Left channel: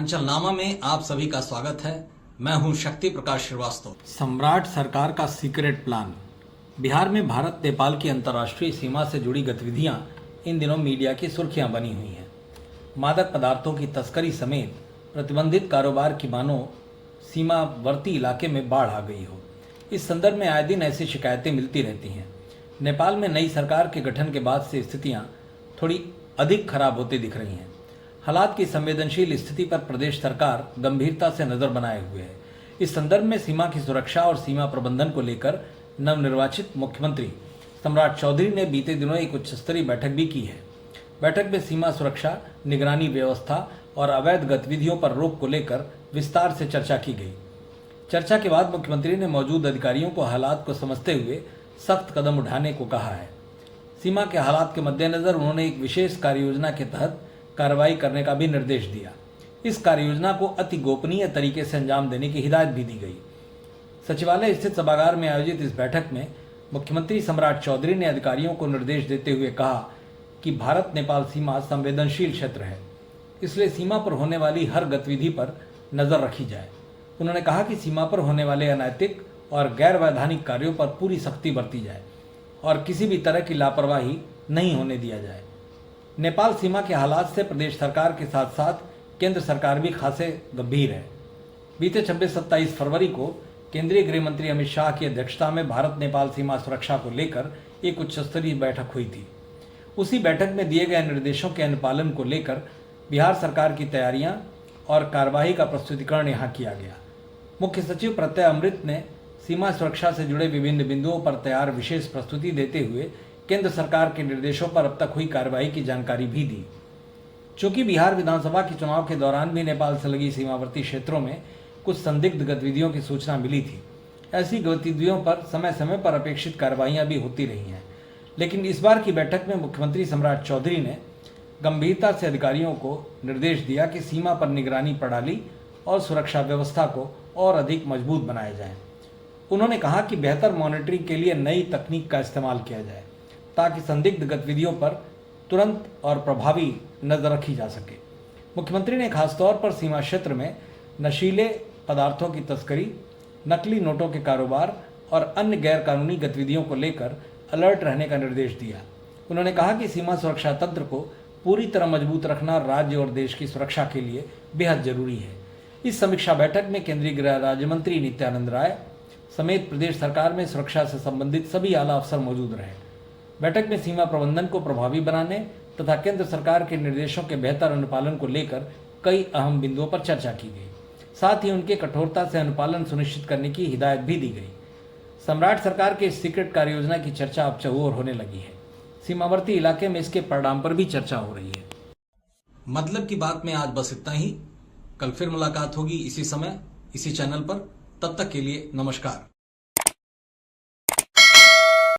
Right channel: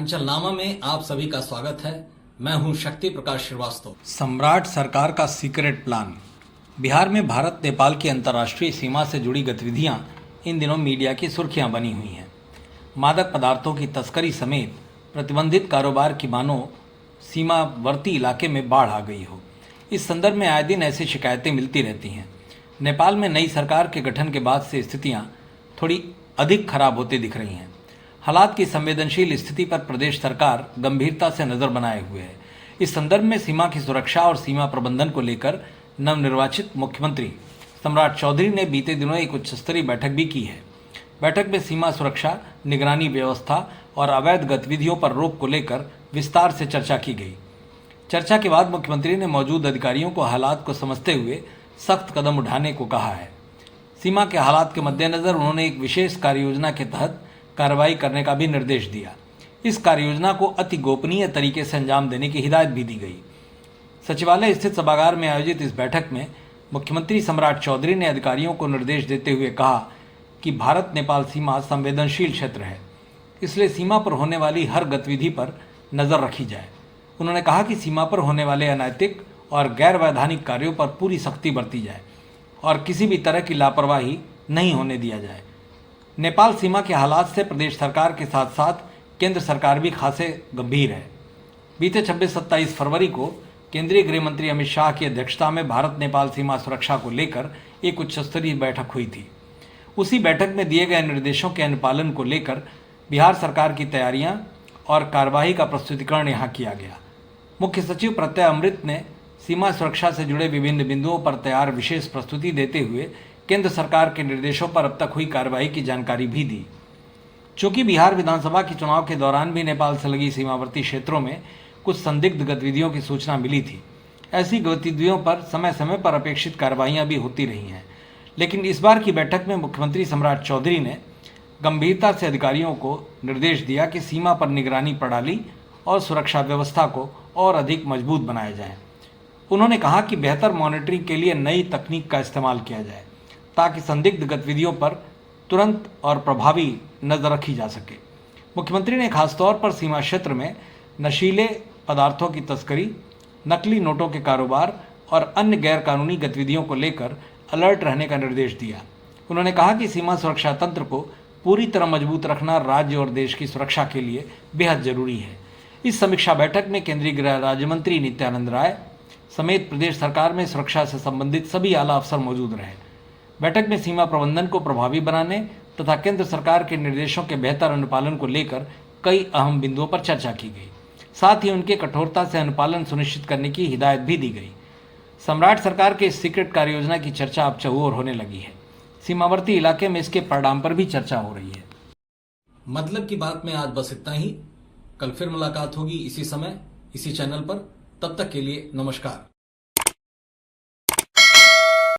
उत्तरांचल नामा में आप सभी का स्वागत है। मैं हूं शक्ति प्रकाश श्रीवास्तव। सम्राट सरकार का सीक्रेट प्लान। बिहार में भारत नेपाल की अंतर्राष्ट्रीय सीमा से जुड़ी गतिविधियां इन दिनों मीडिया की सुर्खियां बनी हुई हैं। मादक पदार्थों की तस्करी समेत प्रतिबंधित कारोबार की मानो सीमावर्ती इलाके में बाढ़ आ गई हो। इस संदर्भ में आए दिन ऐसी शिकायतें मिलती रहती हैं। नेपाल में नई सरकार के गठन के बाद से स्थितियां थोड़ी अधिक खराब होती दिख रही हैं। हालात की संवेदनशील स्थिति पर प्रदेश सरकार गंभीरता से नजर बनाए हुए है। इस संदर्भ में सीमा की सुरक्षा और सीमा प्रबंधन को लेकर नवनिर्वाचित मुख्यमंत्री सम्राट चौधरी ने बीते दिनों एक उच्च स्तरीय बैठक भी की है। बैठक में सीमा सुरक्षा, निगरानी व्यवस्था और अवैध गतिविधियों पर रोक को लेकर विस्तार से चर्चा की गई। चर्चा के बाद मुख्यमंत्री ने मौजूद अधिकारियों को हालात को समझते हुए सख्त कदम उठाने को कहा है। सीमा के हालात के मद्देनजर उन्होंने एक विशेष कार्ययोजना के तहत कार्रवाई करने का भी निर्देश दिया। इस कार्ययोजना को अति गोपनीय तरीके से अंजाम देने की हिदायत भी दी गई। सचिवालय स्थित सभागार में आयोजित इस बैठक में मुख्यमंत्री सम्राट चौधरी ने अधिकारियों को निर्देश देते हुए कहा कि भारत नेपाल सीमा संवेदनशील क्षेत्र है, इसलिए सीमा पर होने वाली हर गतिविधि पर नजर रखी जाए। उन्होंने कहा कि सीमा पर होने वाले अनैतिक और गैर वैधानिक कार्यों पर पूरी सख्ती बरती जाए और किसी भी तरह की लापरवाही नहीं होने दिया जाए। नेपाल सीमा के हालात से प्रदेश सरकार के साथ साथ केंद्र सरकार भी खासे गंभीर है। बीते 26-27 फरवरी को केंद्रीय गृह मंत्री अमित शाह की अध्यक्षता में भारत नेपाल सीमा सुरक्षा को लेकर एक उच्च स्तरीय बैठक हुई थी। उसी बैठक में दिए गए निर्देशों के अनुपालन को लेकर बिहार सरकार की तैयारियां और कार्यवाही का प्रस्तुतिकरण यहाँ किया गया। मुख्य सचिव प्रत्यय अमृत ने सीमा सुरक्षा से जुड़े विभिन्न बिंदुओं पर तैयार विशेष प्रस्तुति देते हुए केंद्र सरकार के निर्देशों पर अब तक हुई कार्रवाई की जानकारी भी दी। चूंकि बिहार विधानसभा के चुनाव के दौरान भी नेपाल से लगी सीमावर्ती क्षेत्रों में कुछ संदिग्ध गतिविधियों की सूचना मिली थी, ऐसी गतिविधियों पर समय समय पर अपेक्षित कार्रवाइयां भी होती रही हैं। लेकिन इस बार की बैठक में मुख्यमंत्री सम्राट चौधरी ने गंभीरता से अधिकारियों को निर्देश दिया कि सीमा पर निगरानी प्रणाली और सुरक्षा व्यवस्था को और अधिक मजबूत बनाया जाए। उन्होंने कहा कि बेहतर मॉनिटरिंग के लिए नई तकनीक का इस्तेमाल किया जाए ताकि संदिग्ध गतिविधियों पर तुरंत और प्रभावी नजर रखी जा सके। मुख्यमंत्री ने खासतौर पर सीमा क्षेत्र में नशीले पदार्थों की तस्करी, नकली नोटों के कारोबार और अन्य गैरकानूनी गतिविधियों को लेकर अलर्ट रहने का निर्देश दिया। उन्होंने कहा कि सीमा सुरक्षा तंत्र को पूरी तरह मजबूत रखना राज्य और देश की सुरक्षा के लिए बेहद जरूरी है। इस समीक्षा बैठक में केंद्रीय गृह राज्य मंत्री नित्यानंद राय समेत प्रदेश सरकार में सुरक्षा से संबंधित सभी आला अफसर मौजूद रहे। बैठक में सीमा प्रबंधन को प्रभावी बनाने तथा केंद्र सरकार के निर्देशों के बेहतर अनुपालन को लेकर कई अहम बिंदुओं पर चर्चा की गई। साथ ही उनके कठोरता से अनुपालन सुनिश्चित करने की हिदायत भी दी गई। सम्राट सरकार के इस सीक्रेट कार्ययोजना की चर्चा अब चहुओर होने लगी है। सीमावर्ती इलाके में इसके परिणाम पर भी चर्चा हो रही है। मतलब की बात में आज बस इतना ही। कल फिर मुलाकात होगी इसी समय, इसी चैनल पर। तब तक के लिए नमस्कार।